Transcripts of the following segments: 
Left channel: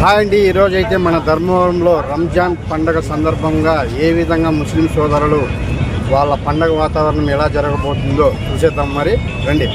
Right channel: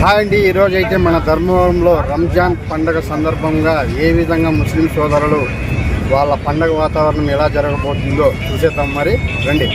Hi అండి, ఈరోజు అయితే మన ధర్మవరంలో రంజాన్ పండగ సందర్భంగా ఏ విధంగా ముస్లిం సోదరులు వాళ్ళ పండగ వాతావరణం ఎలా జరగబోతుందో చూసేద్దాం. మరి రండి.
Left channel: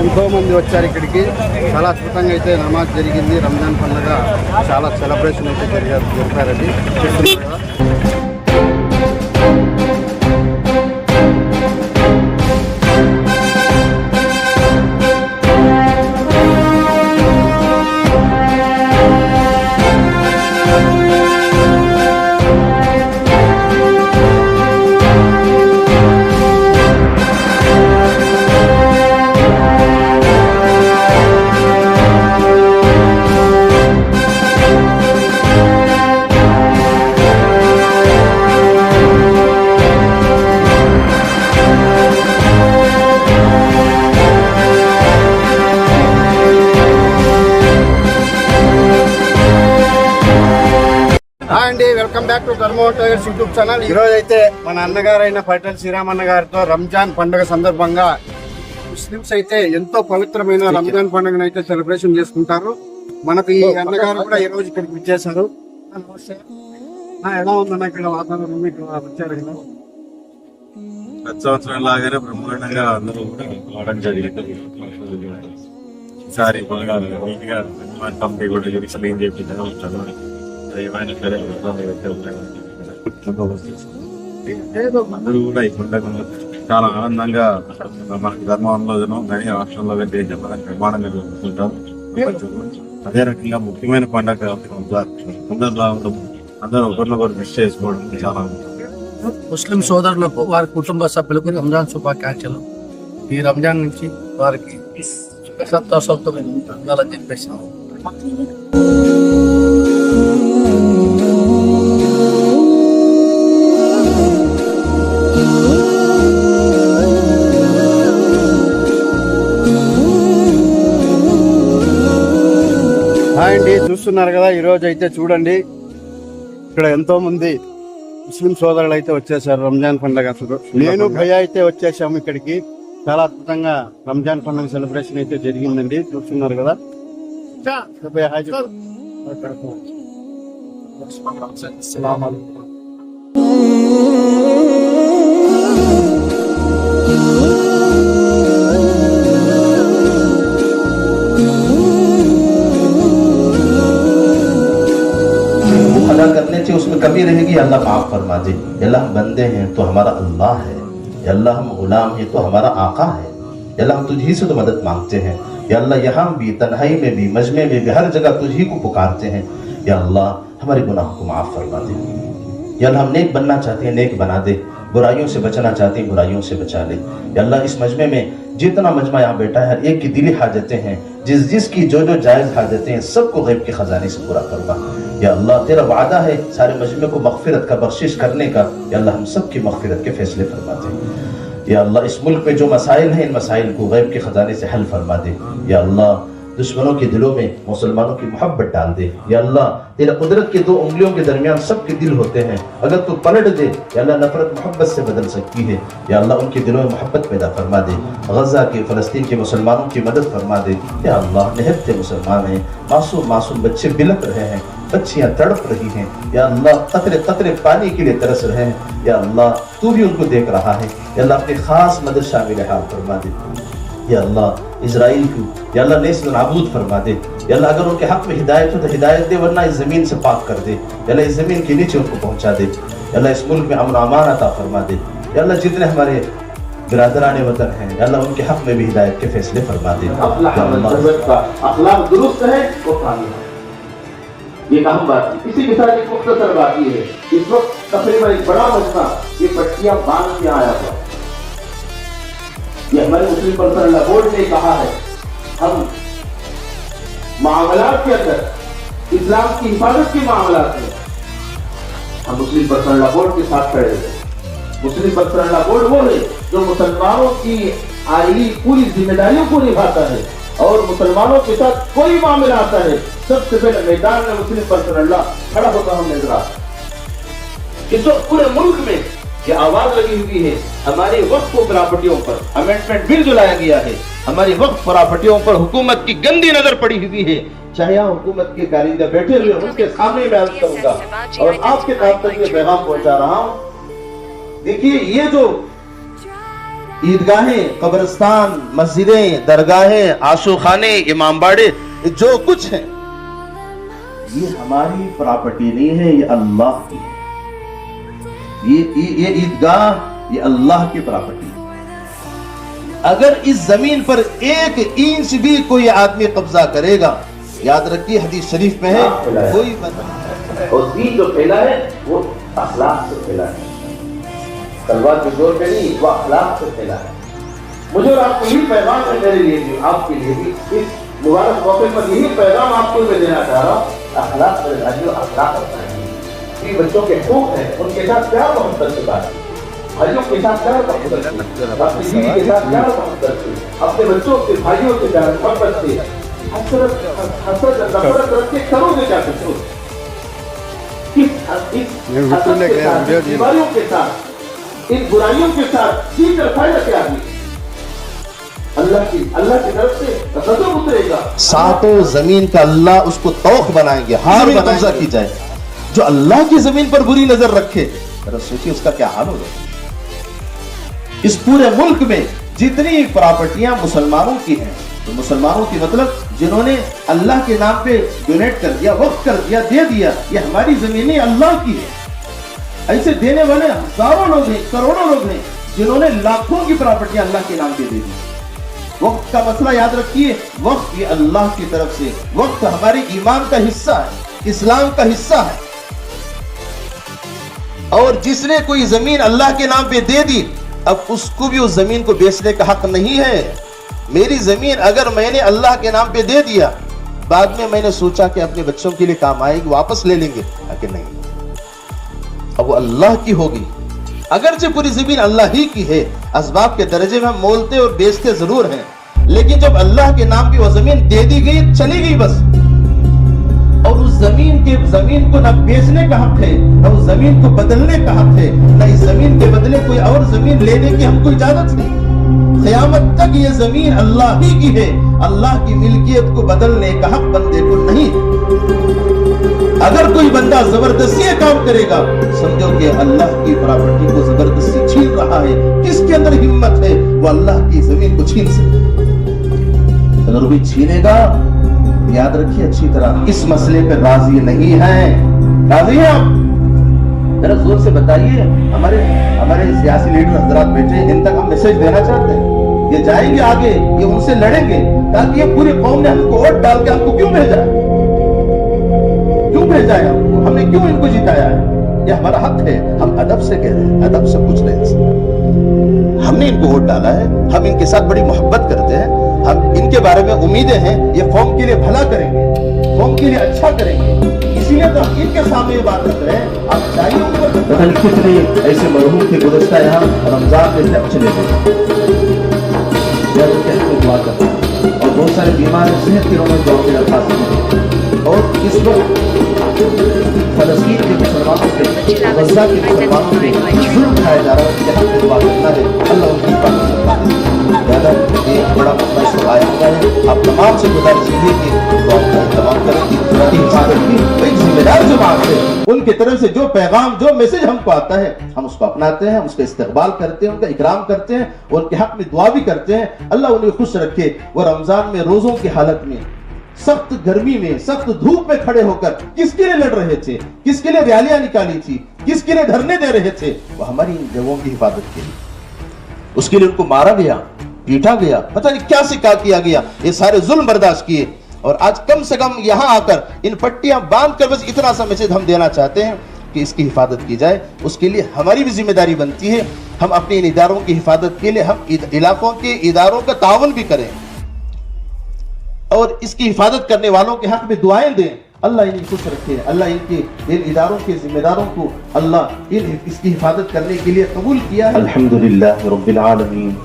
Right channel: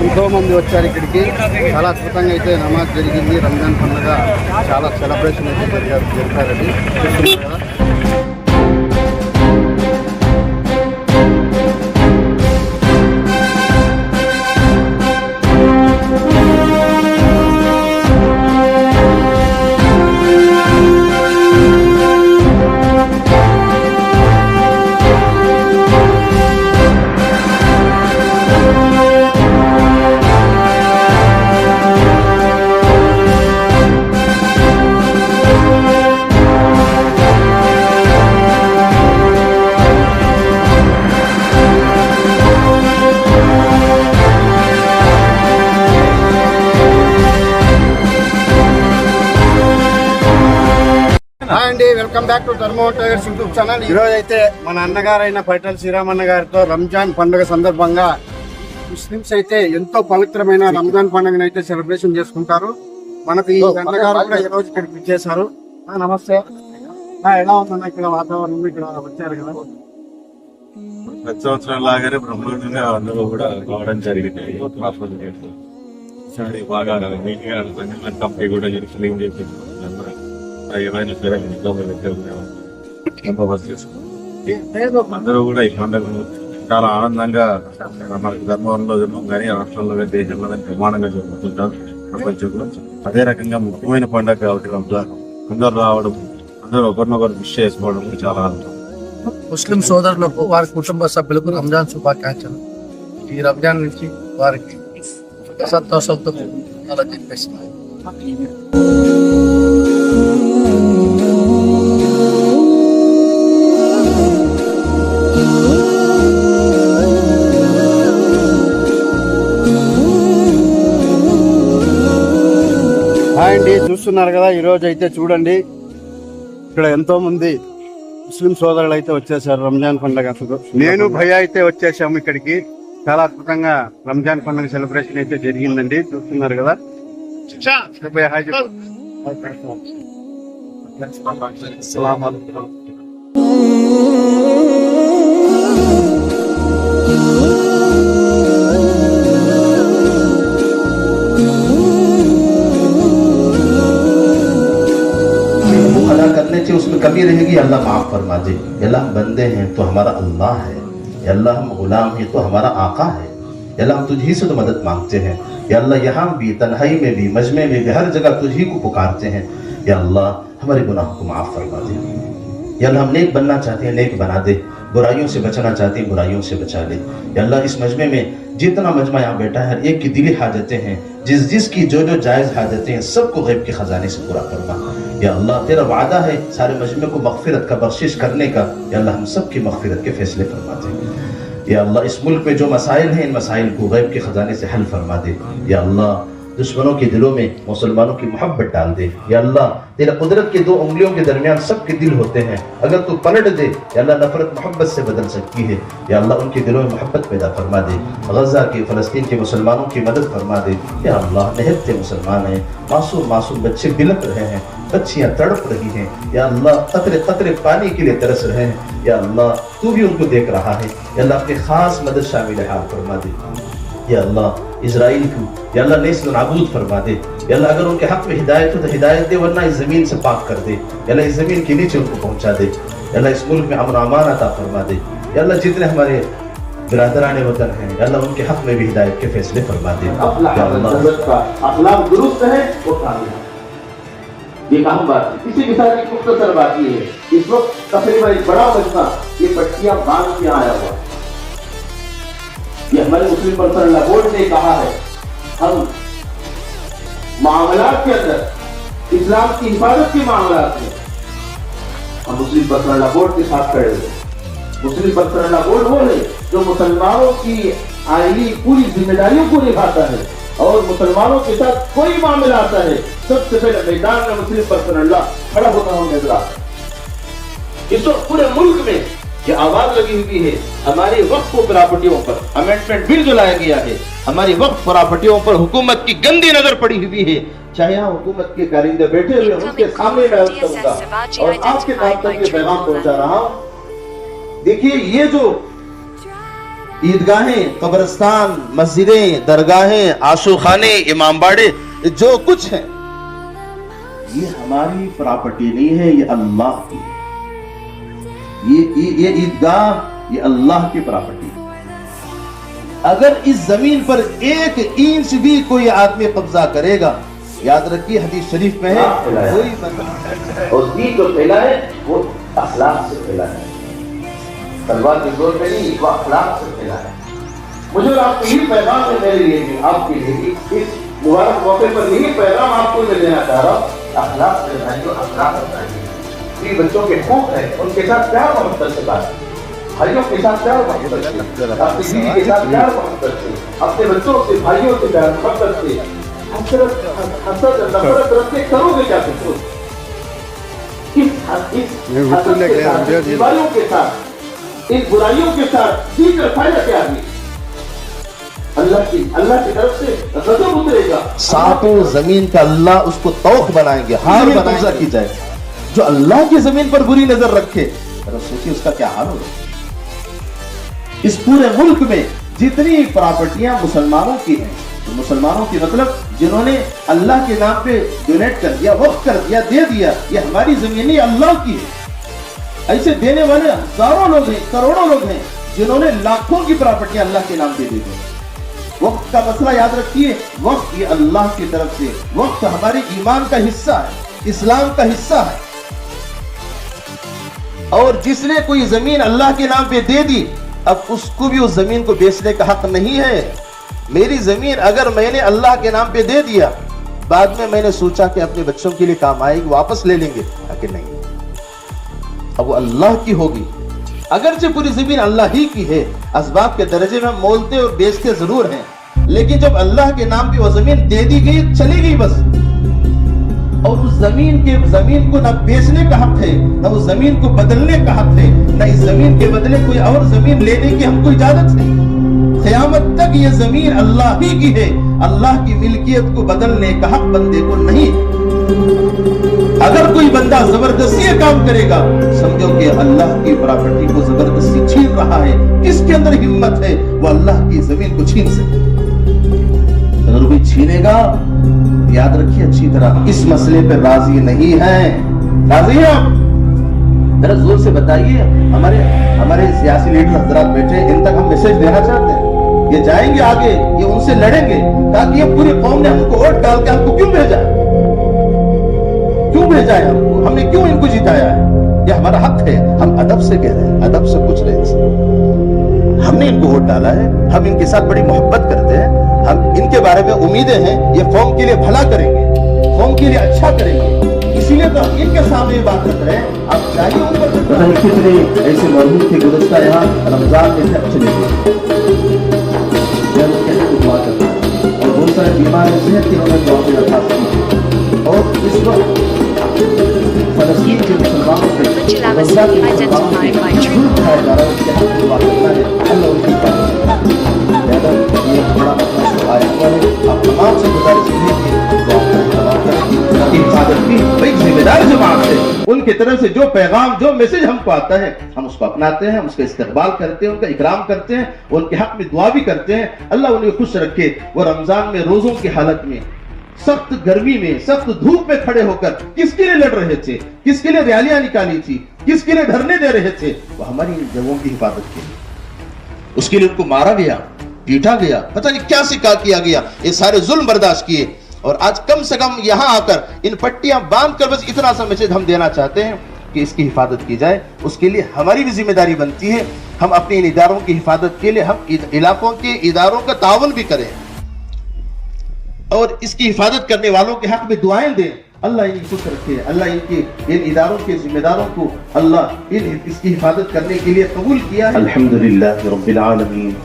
ఎంతో మంది వచ్చారు ఇక్కడికి. చాలా అద్భుతంగా అయితే నమాజ్ జరిగింది. రంజాన్ పండుగ చాలా సెలబ్రేషన్ అయితే జరిపారని చూస్తున్నారు కదా. హాయ్ అండి, welcome back to Dharmavaram tigers YouTube channel. ఈరోజు అయితే మన అన్నగారైన పైటల్ శ్రీరామన్న గారితో రంజాన్ పండుగ సందర్భంగా ముస్లింస్ అయితే ఎంతో పవిత్రమైన రంజాన్ పండుగను అయితే సెలబ్రేషన్ చేసుకుంటారు. మనకు ఈ అన్నగారు కూడా ఈ రోజు ఇక్కడికి వచ్చేసారు. నమస్తే. ఎలా ఉందన్న ఇక్కడ వాతావరణం? ఇక్కడ వచ్చారు కదా, ప్రతి సంవత్సరం లాగానే బ్రహ్మాండంగా అందరూ కూడా రావడం జరిగింది. ఈసారి బాగా నీట్ గా కంపెనీ కూడా క్లీన్ చేయించారు. ఏమైనా సరే ఇబ్బంది అందరూ కూడా ఈ పండుగను చాలా ఆనందంగా మనకు ధర్మంలోనూ కానీ రాష్ట్రంలో కానీ దేశంలో కానీ ప్రమాణంగా జరుపుకుంటారు ప్రపంచంలో. అదే రకంగా ముఖ్యమైన పండుగ కాబట్టి రంజాన్ అందరూ రావడం, అందరూ ఒకరినొకరు విష్ చేసుకోవడం చాలా ముస్లిం సోదరులకు వారి కుటుంబ సభ్యులకు రంజాన్ శుభాకాంక్షలు. ఈ రంజాన్ నుంచి వారికి సంతోషంతో ఉండాలని చెప్పేసి అండి చూస్తున్నారు కదా. ఈ రోజు అయితే చూడండి, ఇక్కడ ఎంతో మంది ముస్లిం సోదరులు అయితే వచ్చేసారు రంజాన్ పండుగ. నేను భయ అయితే వచ్చేసాము ఇక్కడికి. చాలా అద్భుతంగా రంజాన్ పండుగ సెలబ్రేషన్ అయితే జరిగిందండి. చూస్తున్నారు కదా. उसमें कमी रहेगी, अल्लाह माफ फरमा दे। अल्लाह हम बंदे हैं तो हमारा अल्लाह है, अल्लाह हम गुलाम हैं तो हमारा आका है। अल्लाह हम तुझी से तो मदद मांगते हैं। या अल्लाह यहाँ भी, तन्हाई में भी, मजमे में भी, हर जगह तुझी को पुकारते हैं। या अल्लाह हमारे गुनाह को माफ फरमा दे। या अल्लाह हम नेक बनना चाहते हैं, नेक बना दे। बुराइयों से बचना चाहते हैं, बुराइयों से बचा ले। या अल्लाह इस मजमे में जितना मजमा यहाँ बैठा है, हर एक की दिली हाजतें हैं, जिसकी जो जायज हाजतें हैं, सबको गैब के खजाने से पूरा करना। या अल्लाह तेरा वादा है सारे मजमे को मगफिरत का, बख्शिश करने का। या अल्लाह हम सब की मगफिरत के फैसले फरमा दे। या अल्लाह इस मुल्क में जो मसाइल हैं, इन मसाइल को गैब के खजाने से हल फरमा दे। या अल्लाह दुश्मनों के दिलों में मुसलमानों की मोहब्बत डाल दे। या अल्लाह तेरा कुदरत के दो उंगलियों के दरमियान सबके दिल होते हैं, अगर तू पलट दे या अल्लाह नफरत मोहब्बत से बदल सकती है। या अल्लाह उनके दिलों में मोहब्बत पैदा फरमा दे। गजा के, फलस्तीन के मुसलमानों की मदद फरमा दे। या अल्लाह निहत्ते मुसलमान हैं, मासूम मासूम बच्चे बिलक रहे हैं, बच्चियां तड़प रही हैं। या अल्लाह कतरे कतरे पानी के लिए तरस रहे हैं। या अल्लाह तू भी उनको देख रहा है। या अल्लाह अपनी खास मदद शामिल हाल फरमा दे। या अल्लाह इजराइल को या अल्लाह नेस्ल नाबूद फरमा दे। या अल्लाह अगर उनके हक में हिदायत हो तो हिदायत दे, वरना इस जमीन से पाक कर दे। या अल्लाह इस जमीन के नीचे उनको पहुंचा दे। या अल्लाह इस मुल्क में अमन अमान अता फरमा दे। या अल्लाह जितने हमारे बिरादरान वतन हैं या अल्लाह उनके हक में भी हिदायत के फैसले फरमा दे। अखलाक दुरुस्त है वो कामयाब है, ये अहम बात है। इसी के साथ एक मुख्तसर बात ये है, इस वक्त तकरीबन एक बड़ा मजमा ये कट्टियां बांध के आया हुआ, ये हमारे मुस्लिम पर्सनल लॉ बोर्ड ने कहा है हम मामलात के अंदर इस्लाम की हिफाजत के मामलात में हम मुस्लिम पर्सनल लॉ बोर्ड के साथ खड़े हैं। मुस्लिम पर्सनल लॉ बोर्ड वो है जो मुसलमानों की आईनी पूरी जिम्मेदारियों को निभाता है और मुसलमानों के साथ कोई मामला आता है सबसे पहले मैदान में मुस्लिम पर्सनल लॉ खड़ा होता हमें नजर आता है। इस वक्त पूरे मुल्क में ये आवाज लगी हुई है हमारी वक्फ प्रॉपर्टियों पर अमेंडमेंट बिल जो लाया गया है, हमारी वक्फ प्रॉपर्टियों पर हुकूमत की गंदी नजर पड़ी हुई है। चाहे यहाँ हुकूमत के कारिंदे बैठे हुए उनके सामने मैं अर्ज करूंगा और आपके नाम तक ये पैगाम पहुंचा रहा हूँ। देखिए ये जो ईदगाहें, कब्रिस्तान, मस्जिदें, दरगाहें, आसूखाने, इमामबाड़े जो कुछ है ये हमारी प्रॉपर्टी नहीं है, ये अल्लाह की है। ये ईदगाह ये अल्लाह की प्रॉपर्टी है। अगर इस जमीन पर एक इंच भी कोई आदमी कब्जा करेगा, याद रखिए हदीस शरीफ में है कोई और दीन जो फैला है वो अखलाक से फैला है, तलवार के जोर पे नहीं, वो अखलाक से फैला है। मुझे और आपको यही पैगाम है मेरे लिए भी, आपके लिए भी, इस मुबारक मौके पर यही पैगाम आपको मैं देना चाह रहा हूँ। अखलाक से भाइयों अखलाक रखना चाहिए। बच्चों के खूब है उनके साथ प्यार मोहब्बत से बात, भाइयों के साथ प्यार मोहब्बत से, अपनी बीवी के साथ प्यार मोहब्बत से, अपने बच्चों से, भाइयों से प्यार मोहब्बत से, हसरत नफरत रख के करोगे क्या कुछ? इस बीमारियों के साथ, इन बुराइयों के साथ ठीक रखाया क्या है? अल्लाह की तरफ से गजब उतरेगा, सातों जमीन का अल्लाह उसको तौक बनाएंगे, हार में कब्जा की जाए। जो अल्लाह की जमीन पर बुरी नजर रखे, सोचिए उसका क्या हाल होगा। इस पूरे मुल्क में जितनी प्रॉपर्टियां मुसलमानों की हैं, तो मुसलमानों की मतलब जिन्होंने अल्लाह के नाम पे डोनेट कर दिया, वक्फ कर दिया, दे दिया, ये हमारी जमीनें अल्लाह की है। ऐसे देने वाले हजारों लोग हैं, करोड़ों लोग हैं जिन्होंने लाखों की प्रॉपर्टियां अल्लाह के नाम पे दे दी। वक्त का मसला याद रखिए, वक्त ये अल्लाह की तरफ से, वक्त हमारे ईमान का हिस्सा है, इस्लाम का हिस्सा है। और जिसने कोई जमीन अल्लाह के नाम पे दे दी, अब उसको भी उस जमीन को बेचने का हक नहीं है। मेरी जमीन अगर मैंने अल्लाह के नाम पे दे दिया, बाद में मैंने सोचा कि अपने बच्चों के लिए काम आएगी, वापस ले लेंगे, लेकिन नहीं, अब वो अल्लाह की होगी। अगरचे पूरी जमीन अल्लाह ही की है, असबाब के दर्जे में मोलते और बेचते जरूर हैं, लेकिन जब अल्लाह के नाम पे वो जमीन दे दी गई, चली गई बस। और उस जमीन को न बेचने का हक है, न उस जमीन को बदलने का हक है, न इस जमीन के बदले कोई और जमीन लेने की हमको इजाजत है। क़यामत तक ये जमीन अल्लाह ही की है, अल्लाह की मिल्कियत को बदलने का हक बंदे को नहीं। अगर कोई बंदा जबरदस्ती काम करेगा, समझो कि अल्लाह की प्रॉपर्टी को जबरदस्ती छीन रहा है। किसके अंदर हिम्मत है वो अल्लाह की जमीन को छीन सके? अगर कोई छीनेगा, याद रखिए अच्छी तरह, इस मसले पर राजी नहीं है। राजी हैं आप? जरा जोर से बताइए। हमारे सियासी लीडर हजरात बैठे, इन तक हम मैसेज देना चाहते हैं। ये जाएंगे आगे, ये उनसे लड़ेंगे, ताकि ये पूरी कौम ने हमको वोट डाल के हमको क्यों भेजा है, हमको, हमने क्यों इनको जिताया है? ये हमारा हक है। हम अदब से कह रहे हैं, अदब से पूछ रहे हैं। हमने इनको वोट डाला है, हम इनके साथ बड़ी मोहब्बत करते हैं, हम इनके बारे में उम्मीदें हैं ये कौम के लिए भला करेंगे, कौम के लिए अच्छा करेंगे, इसीलिए तो हम इनके सामने ये बात कर रहे हैं। आप चाहिए पता नहीं कितने ऐसे मरहूम थे गुज़श्ता यहाँ रमजान में से चले गए, दुआ करते हैं, और बहुत सारे बीमार सेहत के उन्होंने दुआ की दरख्वास्त की। और इस वक्त फलस्तीन के मुसलमानों पे, गजा के मुसलमानों पे जुल्म उठाया जा रहा है, उसके हक़ में दुआ करना है। अल्लाह उनकी ज़्यादा ये थोड़ा अपना आया है। आप तमाम से गुजारिश कीजिए कि हिफाजत की भाई जिम्मेदार जमात है, उनकी तरफ से जो पैगाम, जो मैसेज हमको आता है, हम उसको अपनाते हैं, उसका इस्तकबाल करते हैं, उनका इकराम करते हैं, उनके हक में दुआ भी करते हैं। अल्लाह उन्हें खुश रखे। वो रमजान में रोजों की हालत में सख्त गर्मी में, सख्त धूप में खड़े होकर किसके लिए लड़ रहे थे, किसके लिए रैलियां निकाली थी, किसके लिए धरने दे रहे थे? वो हमारी इन जगहों की हिफाजत के लिए। उसके लिए उनको मारा गया, पीटा गया, पता नहीं क्या सिका किया गया, ये सारे जुल्म बर्दाश्त किए। और आज कम से कम यहाँ आकर इन पट्टियां बांध कर बस इतना सा मैसेज हम देना चाहते हैं कि इसकी हिफाजत की जाए। उसके लिए हमारी भी जिम्मेदारी बनती है, हम अपने इन इदारों की हिफाजत के लिए हम इलाकों के इदारों का ताउन भी करें और इसकी हिफाजत करने वालों के हक में दुआएं दें। अल्लाह इन्हें खुश रखे, अल्लाह इन इदारों के जिम्मेदारों को अल्लाह इसकी हिफाजत करने के लिए कबूल किया है। अल्हम्दुलिल्लाह रब्बिल आलमीन।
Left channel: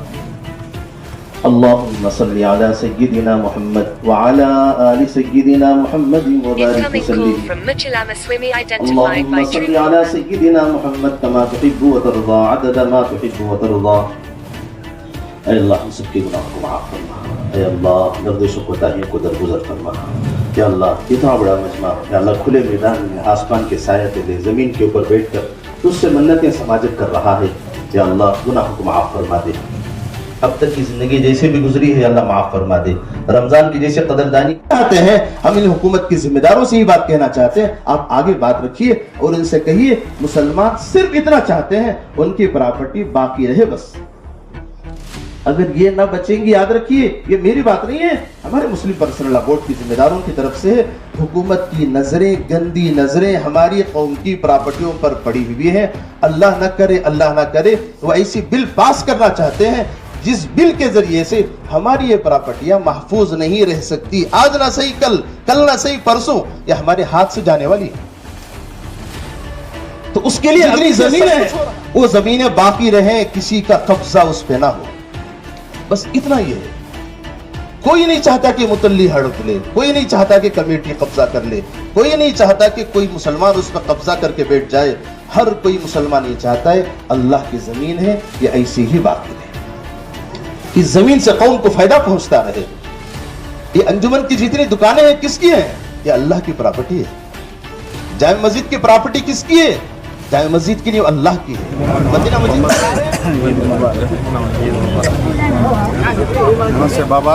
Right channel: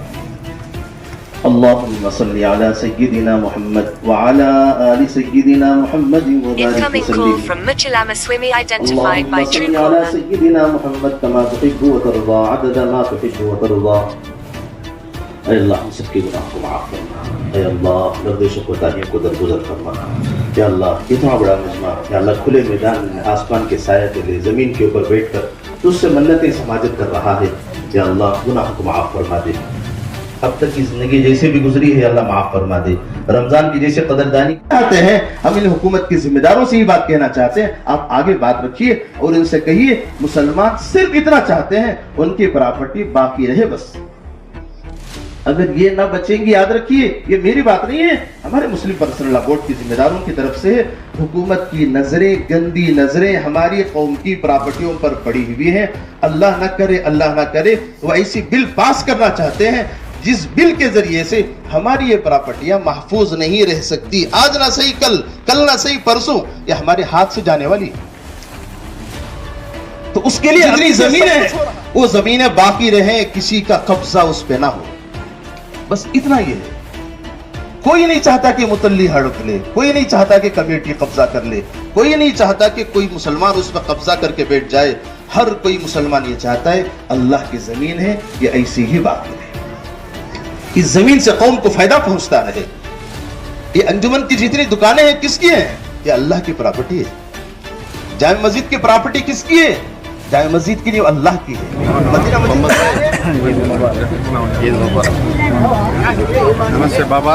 अल्लाहुम्मा सल्ली अला सय्यिदिना मुहम्मद व अला आलि सय्यिदिना मुहम्मद व बारिक Incoming call from Muchalama Swimi identified by सल्ली अला Truecaller. सय्यिदिना मुहम्मद कमा तुहिब्बु व तर्दा अदद मा तुहिब्बु व तर्दा। ऐ अल्लाह हम सबके गुनाह को माफ फरमा, ऐ अल्लाह लफ्ज़ों को ताहियों को दरगुजर फरमा। या अल्लाह इतना बड़ा मजमा, या अल्लाह खुले मैदान में आसमान के साए तले जमीन के ऊपर बैठकर तुझसे मन्नतें समाजत कर रहा है। या अल्लाह गुनाह को माफ फरमा दे, अब तक की जिंदगी जैसे भी गुजरी है अल्लाह माफ फरमा दे। रमजान की जैसे कदरदानी चाहते हैं, हम इन हुकूमत के जिम्मेदारों से ही बात कहना चाहते हैं, आप आगे बात रखिए और इनसे कहिए मुसलमान सिर्फ इतना चाहते हैं उनकी प्रॉपर्टी बाकी रहे बस। अगर ये ना बचेंगे, याद रखिए ये मेरी बात नहीं है, हमारे मुस्लिम पर्सनल लॉ बोर्ड की जिम्मेदारों की तरफ से हुकूमत की नजरें, गंदी नजरें हमारी कौम की प्रॉपर्टियों पर पड़ी हुई है। अल्लाह ना करे वो ऐसी बिल पास करना चाहते हैं जिस बिल के जरिए से हमारी ये प्रॉपर्टियां महफूज नहीं रह सकती। आज ना सही कल ना सही परसों ये हमारे हाथ से जाने वाली। तो उसके लिए जितनी जमीन है वो जमीनें बाकी रहे, किसी का कब्जा उस पे ना हो, बस इतना ही है। कोई नहीं चाहता कि मुतल्ली हड़प ले, कोई नहीं चाहता कि कमेटी कब्जा कर ले, कोई नहीं चाहता कि कोई मुसलमान उस पर कब्जा करके बैठ जाए। हर कोई मुसलमान ये चाहता है अल्लाह की जमीन है ये ऐसी ही बाकी रहे, इस जमीन से कौम को फायदा पहुंचता रहे। ये अंजुमन की जितनी दुकानें हैं किसकी हैं? ये अल्लाह की प्रॉपर्टी है। जामे मस्जिद की प्रॉपर्टी किसकी है? जामे मस्जिद की नहीं, अल्लाह की है। मदीना नमस्ते बाबा।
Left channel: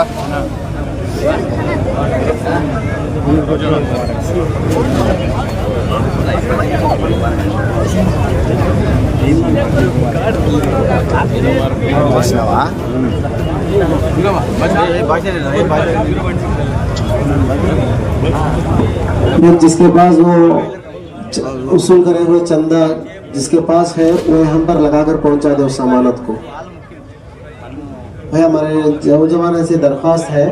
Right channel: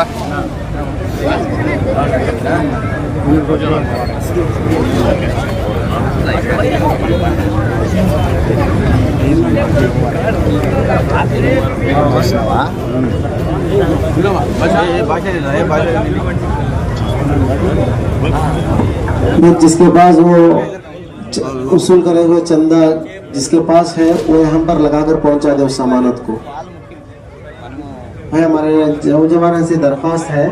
जिसके पास वो उसूल करे हुए चंदा जिसके पास है वो हम पर लगाकर पहुंचा दे उस अमानत को। है हमारे जमाने से दरख्वास्त है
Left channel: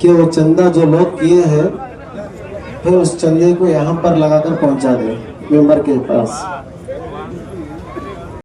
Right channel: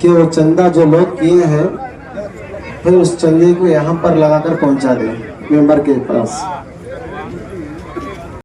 कि वो चंदा जो लोग किए हैं फिर उस चंदे को यहाँ पर लगाकर पहुंचा दे मेंबर के पास।